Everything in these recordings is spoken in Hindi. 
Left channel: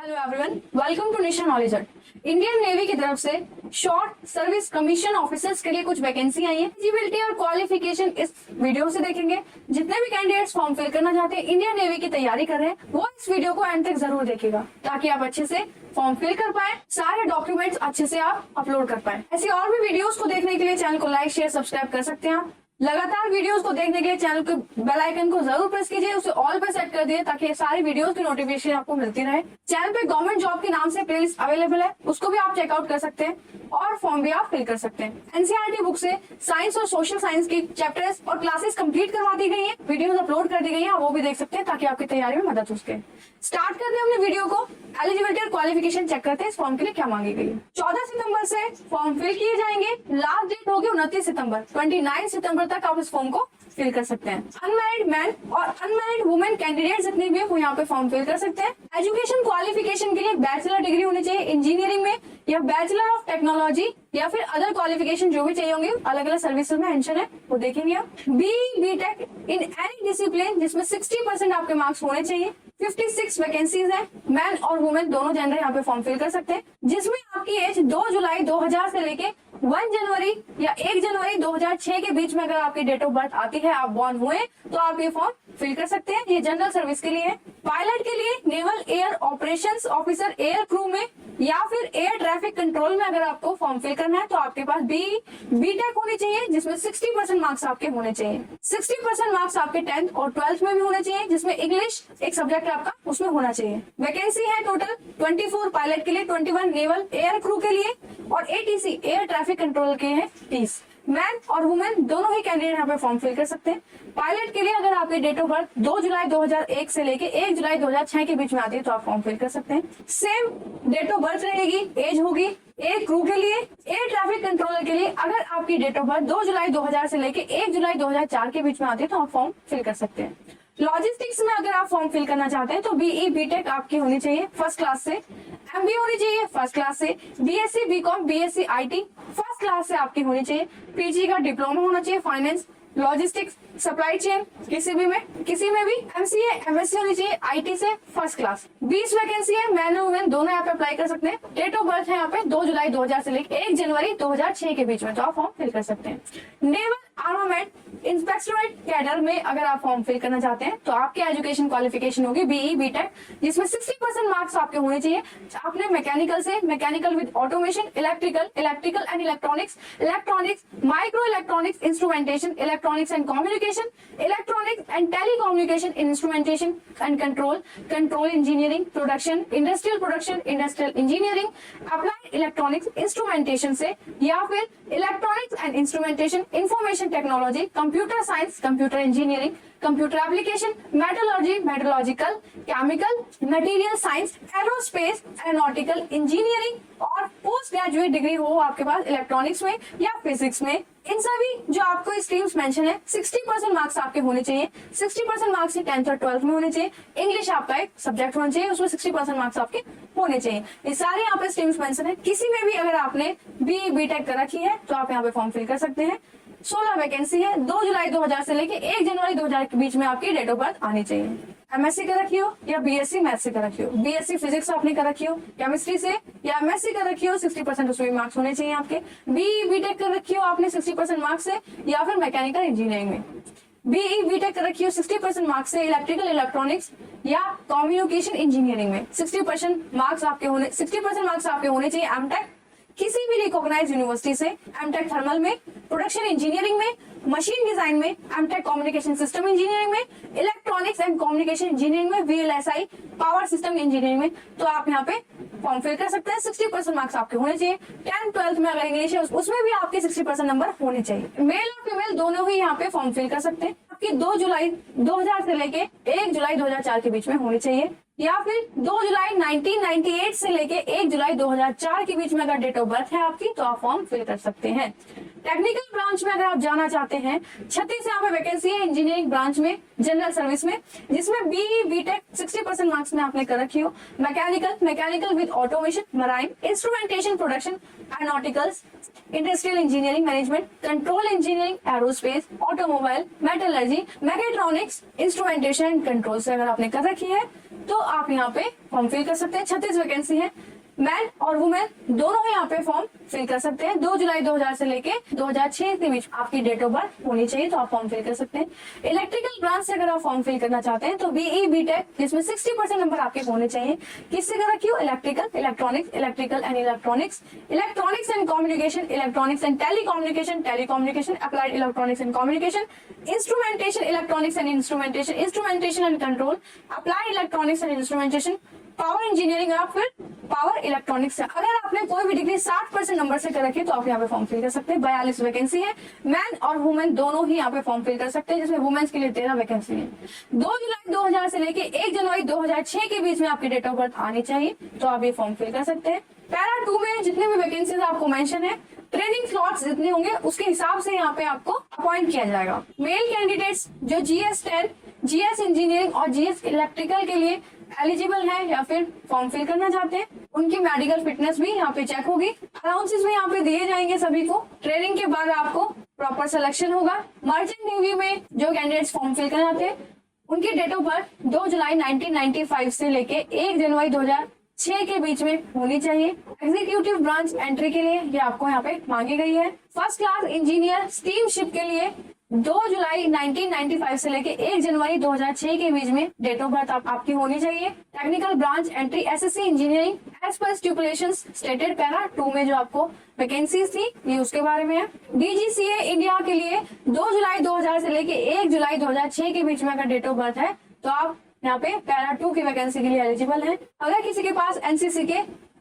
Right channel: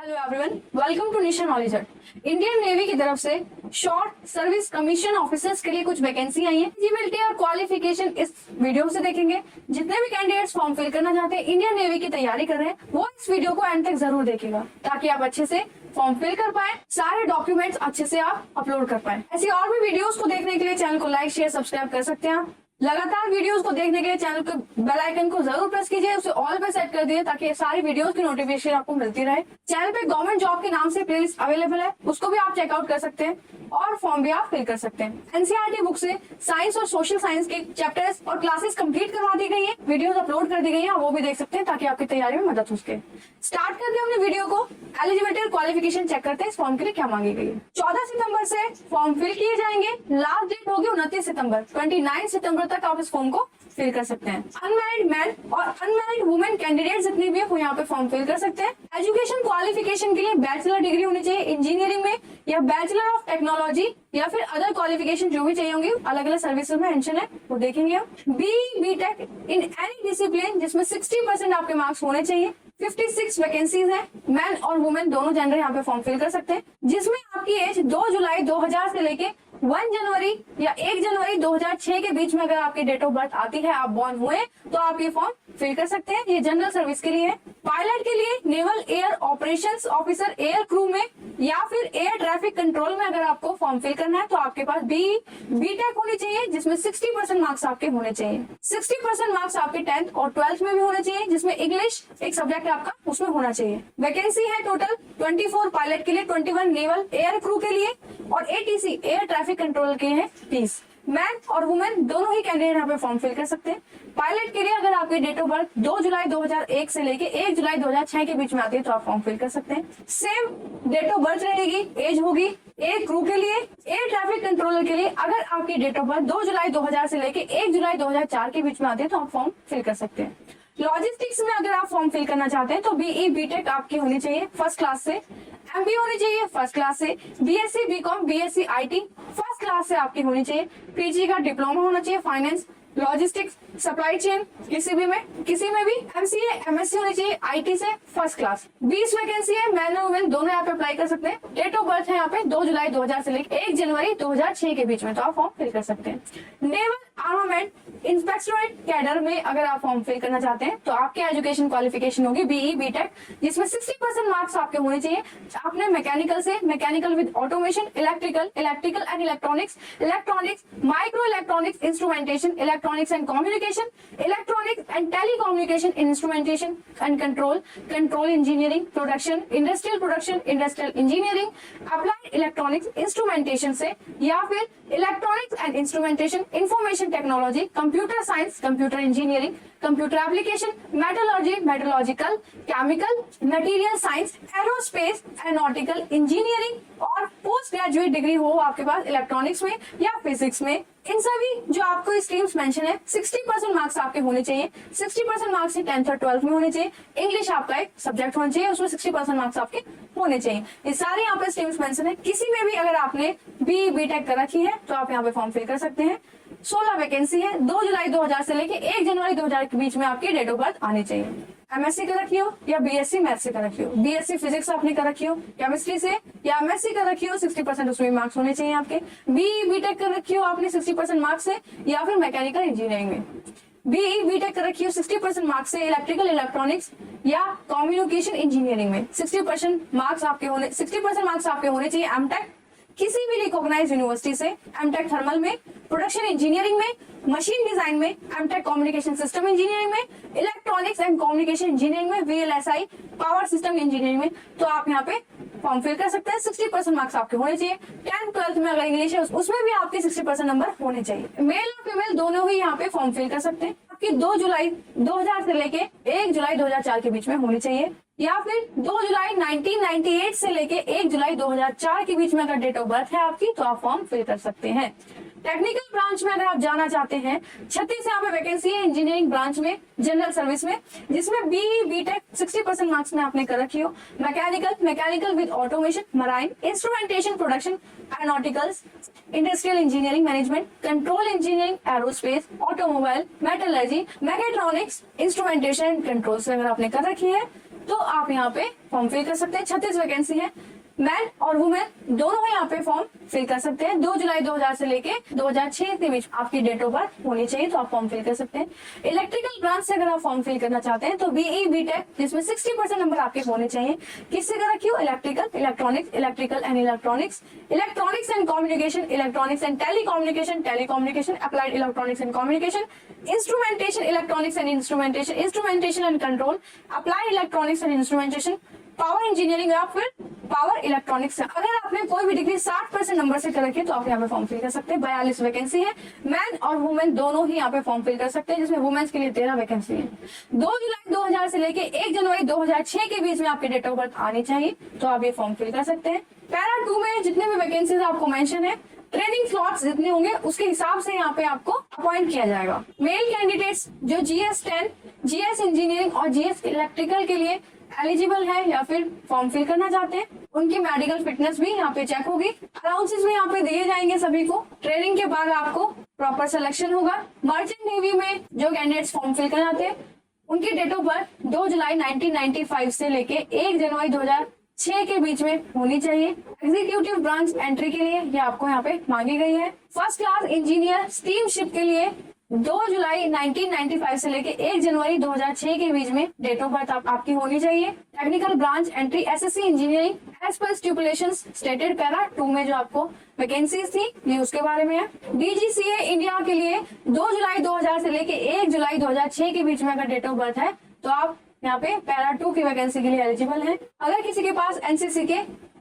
Hello everyone, welcome to Nation Knowledge Hut. Indian navy की तरफ से शॉर्ट सर्विस कमीशन ऑफिसर्स के लिए कुछ वैकेंसी आई है। एलिजिबिलिटी और क्वालिफिकेशन इस वीडियो से देखेंगे। जितने भी कैंडिडेट्स फॉर्म फिल करना चाहते हैं, इंडियन नेवी की तैयारी कर रहे हैं, वो इस वीडियो को एंड तक जरूर देखेगा ताकि आप अच्छे से फॉर्म फिल कर पाए, सारे डॉक्यूमेंट्स अच्छे से आप अपलोड कर पाए। ऐसी और भी वीडियोस को देखने के लिए चैनल को लाइक शेयर सब्सक्राइब कर सकते हैं। लगातार वीडियोस को देखने के लिए चैनल के बेल आइकन को जरूर प्रेस कीजिए, उसे ऑल पे सेट कर दिए ताकि सारी वीडियोस की नोटिफिकेशन आपको मिलती रहे। चैनल पे गवर्नमेंट जॉब के नाम से प्लेलिस्ट अवेलेबल है, उसको भी आप चेकआउट कर सकते हैं और फॉर्म भी आप फिल कर सकते हैं। एनसीईआरटी बुक से साइंस और सोशल साइंस के चैप्टर्स और क्लासेस कंप्लीट करवा दी गई है, वीडियोस अपलोड कर दी गई है, आप वो भी देख सकते हैं ताकि आपकी तैयारी में मदद हो सके। स्टार्ट करते हैं अपने वीडियो को। एलिजिबिलिटी और क्वालिफिकेशन चेक करते हैं इस फॉर्म के लिए क्या मांगी गई है। 14 सितंबर से फॉर्म फिल किए जाएंगे। लास्ट डेट होगी 29 सितंबर। 29 सितंबर तक आप इस फॉर्म को फिल कर सकते हैं। अनमैरिड मैन और अनमैरिड वुमेन कैंडिडेट जितने भी है वो यहाँ पे फॉर्म फिल कर सकते हैं। एजुकेशन क्वालिफिकेशन के लिए बैचलर डिग्री होनी चाहिए इंजीनियरिंग में, या बैचलर ऑफ टेक्नोलॉजी, या फिर अदर क्वालिफिकेशन जो भी चाहिए होंगे, अलग अलग सर्विसेज में मेंशन है वो देखेंगे आप। बीटेक इन एनी डिसिप्लिन जिसमें 60% आपके मार्क्स होने चाहिए। 56 वैकेंसीज हैं, मैन और वुमेन दोनों जेंडर यहाँ पे फॉर्म फिल कर सकते हैं। जिसमें आपकी एज 2 जुलाई 2000 से लेके 1 जनवरी या 1 जनवरी 2006 के बीच में अगर आपकी डेट ऑफ बर्थ आती है, आप बॉर्न हुए, तो आप ये फॉर्म फिल कर सकते हैं। ये जनरल सर्विस के लिए है। पायलट के लिए naval air operations officer air crew में या फिर एयर ट्रैफिक कंट्रोल में अगर आपको फॉर्म फिल करना है तो आपके पास बीटेक होनी चाहिए जिसमें 60% मार्क्स आपके होने चाहिए। 60% मार्क्स आपके 10th और 12th में भी होने चाहिए, जिसमें इंग्लिश एक सब्जेक्ट आपका उसमें होना चाहिए। वैकेंसी है टोटल 24 पायलट के लिए, 21 नेवल एयर क्रू के लिए और एटीसी एयर ट्रैफिक कंट्रोल के लिए 30। मैन और वुमेन दोनों ही कैंडिडेट यहाँ पे फॉर्म फिल कर सकते हैं। पायलट के लिए अगर आपकी डेट ऑफ बर्थ 2 जुलाई 2001 से लेके 1 जुलाई 2006 के बीच में आती है तो आप फॉर्म फिल कर सकते हैं। सेम डेट ऑफ बर्थ रहेगी, एज होगी। एयर क्रू के लिए, एयर ट्रैफिक कंट्रोलर के लिए अगर आपकी डेट ऑफ बर्थ 2 जुलाई 2000 से लेके 1 जुलाई 2004 के बीच में आती है तो आप फॉर्म फिल कर सकते हैं। लॉजिस्टिक्स में अगर आप फॉर्म फिल करना चाहते हैं तो बीई बीटेक आपकी होनी चाहिए फर्स्ट क्लास से, एमबी होनी चाहिए फर्स्ट क्लास से, BSc BCom BSc IT first class से आपकी होनी चाहिए। पीजी का डिप्लोमा होना चाहिए फाइनेंस लॉजिस्टिक्स सप्लाई चेन किसी में भी एमसीए एमएससी होनी चाहिए आईटी से फर्स्ट क्लास। 20 वैकेंसी है, मैन और वुमेन दोनों यहाँ पे अप्लाई कर सकते हैं। डेट ऑफ बर्थ है यहाँ पे 2 जुलाई 2000 से लेकर 1 जनवरी 2006 के बीच में, तो आप फॉर्म फिल कर सकते हैं। नेवल आर्मामेंट इंस्पेक्टोरेट कैडर में अगर आप फॉर्म फिल करना चाहते हैं तो आपकी एजुकेशन क्वालिफिकेशन होगी बीई बीटेक जिसमें 60% मार्क्स आपके होने चाहिए। आपने मैकेनिकल से mechanical with automation, electrical and electronics, micro electronics instrumentation, electronics and communication, electronics and telecommunication instrumentation and control engineering, production, industrial engineering, applied electronics instrumentation से, या फिर electronics and instrumentation, information technology, computer science, computer engineering, computer application, metallurgy, metallurgical, chemical, material science, aerospace, aeronautical engineering और पोस्ट ग्रेजुएट डिग्री हो आपके पास इलेक्ट्रॉनिक्स में या फिजिक्स में। इन सभी जो आपको स्ट्रीम्स मेंशन है 60% मार्क्स आपके होने चाहिए। 60% मार्क्स 10th और 12th में होने चाहिए। इंग्लिश आपका एक सब्जेक्ट होना चाहिए, उसमें 60% मार्क्स आपके होने चाहिए। ये सारे यहाँ पे स्ट्रीम्स मेंशन है। किसी में भी अगर आपने बीटेक कर रखी है तो आप यहाँ पे फॉर्म फिल कर सकते हैं। 16 वैकेंसी है। 2 जुलाई 2000 से लेके 1 जनवरी 2000 के बीच में आपकी डेट ऑफ बर्थ आनी चाहिए। एमएससी कर रखी हो या बीएससी मैथ्स से कर रखी हो, बीएससी फिजिक्स आपने कर रखी हो केमिस्ट्री से, या एमएससी कर रखी हो 60% उसमें मार्क्स होने चाहिए आपके। बीटेक कर रखी हो आपने 60% मार्क्स से, या फिर मैकेनिकल इंजीनियरिंग में। बीई बीटेक कर रखी हो 60% मार्क्स से इलेक्ट्रिकल इलेक्ट्रॉनिक्स या कम्युनिकेशन इंजीनियरिंग में। 60% मार्क्स आपके होने चाहिए। एमटेक किसी भी रिकॉग्नाइज्ड यूनिवर्सिटी से, एमटेक थर्मल में, प्रोडक्शन इंजीनियरिंग में, मशीन डिजाइन में, एमटेक कम्युनिकेशन सिस्टम इंजीनियरिंग में, इलेक्ट्रॉनिक्स एंड कम्युनिकेशन इंजीनियरिंग में, वीएलएसआई पावर सिस्टम इंजीनियरिंग में, तो आप यहाँ पे फॉर्म फिल कर सकते हैं। 60% मार्क्स आपके होने चाहिए। 10th 12th में अगर इंग्लिश है उसमें भी आपके 60% नंबर होने चाहिए। मेल और फीमेल दोनों ही यहाँ पे फॉर्म फिल कर सकते हैं। आपकी 2 जुलाई 2000 से लेके 1 जुलाई 2004 के बीच में होनी चाहिए, या फिर 2 जुलाई 1998 से लेके 1 जुलाई 2004 के बीच में अगर डेट ऑफ बर्थ है आपकी तो आप फॉर्म फिल कर सकते हैं। टेक्निकल ब्रांच में अगर आप जाना चाहते हैं 36 यहाँ पे वैकेंसी है इंजीनियरिंग ब्रांच में, जनरल सर्विस में, जिसमें बीई बीटेक 60% मार्क्स में आपने कर रखी हो। Mechanical with automation, marine, instrumentation, production, aeronauticals, industrial engineering management, control engineering, aerospace, automobile, metallurgy, mechatronics, instrumentation control से अगर आपने कर रखी है तो आप यहाँ पे फॉर्म फिल कर सकते हैं। 36 वैकेंसी है, मैन और वुमेन दोनों ही यहाँ पे फॉर्म फिल कर सकते हैं। 2 जुलाई 2000 से लेके 2006 के बीच आपकी डेट ऑफ बर्थ होनी चाहिए, तो आप फॉर्म फिल कर सकते हैं। इलेक्ट्रिकल ब्रांच से अगर आप फॉर्म फिल करना चाहते हैं तो बीई बीटेक जिसमें 60% नंबर आपके होने चाहिए। किससे करा क्यों? Electrical, electronics, electrical and electronics, electronics and communication, electronics and telecommunication, telecommunication, applied electronics and communication, instrumentation, electronics and instrumentation, instrumentation and control, applied electronics and instrumentation, power engineering या फिर पावर इलेक्ट्रॉनिक्स। अगर आपने कोई भी डिग्री 60% नंबर से कर रखी है तो आप यहाँ पे फॉर्म फिल कर सकते हैं। 42 वैकेंसी है, मैन और वुमेन दोनों ही यहाँ पे फॉर्म फिल कर सकते हैं, जिसमें वुमेन्स के लिए 13 वैकेंसी है। 2 जुलाई 2000 से लेके 1 जनवरी 2006 के बीच में आपकी डेट ऑफ बर्थ आनी चाहिए, तो आप ये फॉर्म फिल कर सकते हैं। पैरा 2 में जितने भी वैकेंसीज आपको मेंशन है, ट्रेनिंग स्लॉट्स जितने होंगे उसके हिसाब से यहाँ पे आपको अपॉइंट किया जाएगा। मेल कैंडिडेट्स जो GS 10, GS इंजीनियरिंग और GS इलेक्ट्रिकल के लिए एलिजिबल है या फिर फॉर्म फिल करना चाहते हैं, उनकी मेडिकल फिटनेस भी यहाँ पे चेक होगी। अलाउंसेस भी यहाँ पे दिए जाएंगे सभी को। ट्रेनिंग के बाद आपको प्रॉपर सिलेक्शन होगा। मर्चेंट नेवी में जो कैंडिडेट्स फॉर्म फिल करना थे उनकी डेट ऑफ बर्थ 2 जुलाई 1995 से लेके 1 जनवरी 2006 के बीच में होनी चाहिए। एग्जीक्यूटिव ब्रांच एंट्री के लिए ये आपको यहाँ पे मांगी गई है। First class engineer steam ship के लिए 2 जुलाई 1995 से लेके 1 जनवरी 2006 के बीच में डेट ऑफ बर्थ आपकी होनी चाहिए। Technical branch entry SSC engineering as per stipulations stated para 2 में जो आपको वैकेंसीज थी ये उसके बारे में है। DGCA इंडिया के लिए 2 जुलाई 2000 से लेके 1 जुलाई 2006 के बीच में अगर डेट ऑफ बर्थ है तो आप यहाँ पे पैरा 2 की वैकेंसी के लिए एलिजिबल है। अगर किसी के पास NCC के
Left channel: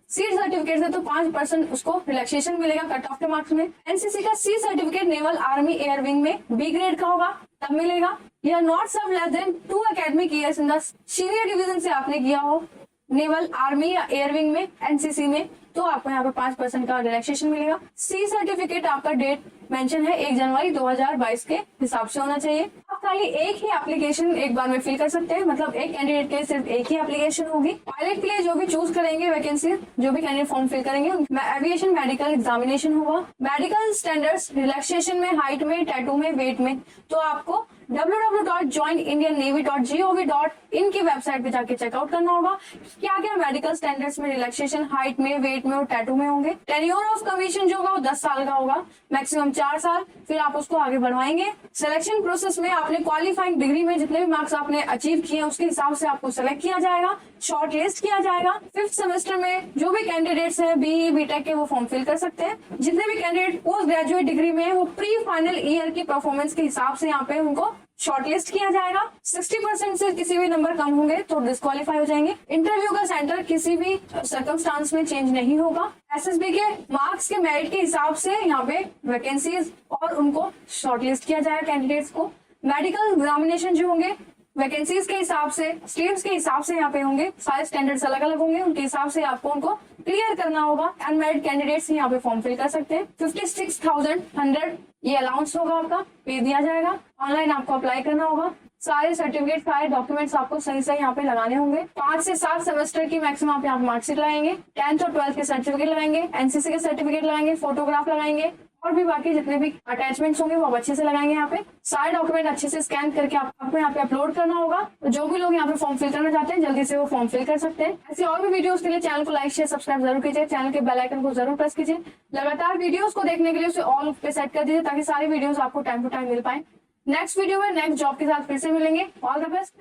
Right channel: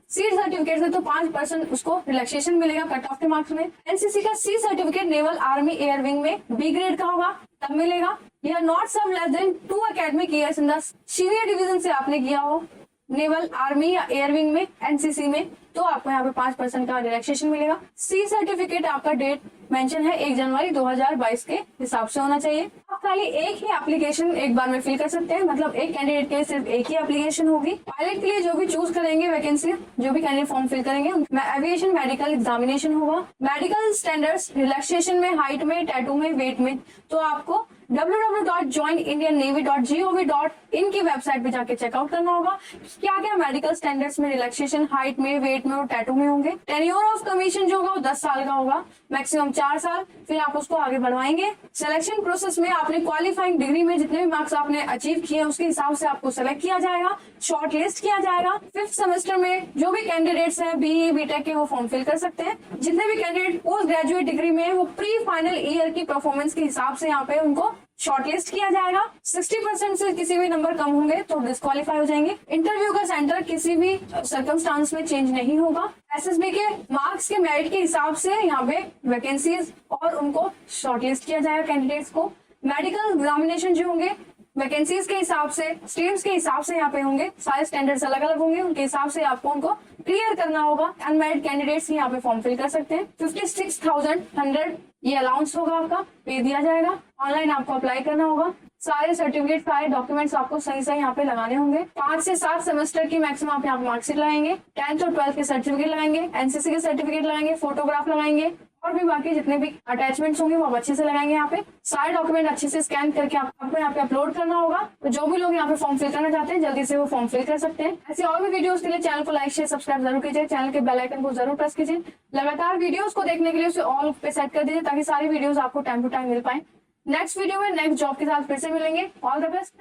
सी सर्टिफिकेट है तो 5% उसको रिलैक्सेशन मिलेगा कट ऑफ के मार्क्स में। NCC का C certificate naval army air wing में B ग्रेड का होगा तब मिलेगा। या not serve less than 2 academic years in the senior division से आपने किया हो नेवल आर्मी या एयर विंग में NCC में, तो आपको यहाँ पे 5% का रिलैक्सेशन मिलेगा। सी सर्टिफिकेट आपका डेट मेंशन है 1 जनवरी 2022 के हिसाब से होना चाहिए। आप खाली एक ही एप्लीकेशन एक बार में फिल कर सकते हैं, मतलब एक कैंडिडेट के लिए सिर्फ एक ही एप्लीकेशन होगी। पायलट के लिए जो भी चूज करेंगे वैकेंसी, जो भी कैंडिडेट फॉर्म फिल करेंगे एविएशन मेडिकल एग्जामिनेशन होगा। मेडिकल स्टैंडर्ड्स रिलैक्सेशन में, हाइट में, टैटू में, वेट में, तो आपको www.joinindiannavy.gov.in की वेबसाइट पे जाके चेकआउट करना होगा क्या क्या मेडिकल स्टैंडर्ड्स में रिलैक्सेशन हाइट में, वेट में और टैटू में होंगे। टेन्योर ऑफ कमीशन जो होगा वो 10 साल का होगा, मैक्सिमम 4 साल, फिर आप उसको आगे बढ़वाएंगे। सिलेक्शन प्रोसेस में आपने क्वालिफाइंग डिग्री में जितने भी मार्क्स आपने अचीव किए उसके हिसाब से आपको सेलेक्ट किया जाएगा, शॉर्ट लिस्ट किया जाएगा। 5th सेमेस्टर में जो भी कैंडिडेट्स हैं BE BTech के वो फॉर्म फिल कर सकते हैं। जितने भी कैंडिडेट पोस्ट ग्रेजुएट डिग्री में है वो प्री फाइनल ईयर की परफॉर्मेंस के हिसाब से यहाँ पे उनको शॉर्टलिस्ट किया जाएगा। 60% से किसी भी नंबर कम होंगे तो डिस्क्वालीफाई हो जाएंगे। इंटरव्यू का सेंटर किसी भी सर्कमस्टांस में चेंज नहीं होगा। SSB के मार्क्स के मेरिट के हिसाब से यहाँ पे वैकेंसीज और उनको शॉर्टलिस्ट किया जाएगा कैंडिडेट्स को। मेडिकल एग्जामिनेशन जो होंगे वैकेंसीज के हिसाब से, स्ट्रीम्स के हिसाब से यहाँ पे होंगे, सारे स्टैंडर्ड्स अलग अलग होंगे, उनके हिसाब से आपको उनको क्लियर करना होगा। अनमेरिड कैंडिडेट्स यहाँ पे फॉर्म फिल कर सकते हैं। 56,100 ये अलाउंस होगा, आपका पे दिया जाएगा। ऑनलाइन आपको अप्लाई करना होगा। सारे सर्टिफिकेट, सारे डॉक्यूमेंट्स आपको सही सही यहाँ पे लगाने होंगे। 5 से 7 सेमेस्टर की मैक्सिमम आप यहाँ मार्कशीट लगाएंगे, 10th और 12th के सर्टिफिकेट लगाएंगे, NCC के सर्टिफिकेट लगाएंगे, फोटोग्राफ लगाएंगे और भी बाकी जितने भी अटैचमेंट्स होंगे वो आप अच्छे से लगाएंगे। यहाँ पे सारे डॉक्यूमेंट अच्छे से स्कैन करके आपको यहाँ पे अपलोड करना होगा। तो जो भी लोग यहाँ पे फॉर्म फिल करना चाहते हैं जल्दी से वो फॉर्म फिल कर सकते हैं। ऐसी और भी वीडियोस के लिए चैनल को लाइक शेयर सब्सक्राइब जरूर कीजिए, चैनल के बेल आइकन को जरूर प्रेस कीजिए। लगातार वीडियोस को देखने के लिए उसे ऑल पे सेट कर दीजिए ताकि सारी वीडियोस आपको टाइम टू टाइम मिल पाए। नेक्स्ट वीडियो में नेक्स्ट जॉब के साथ फिर से मिलेंगे। All the best.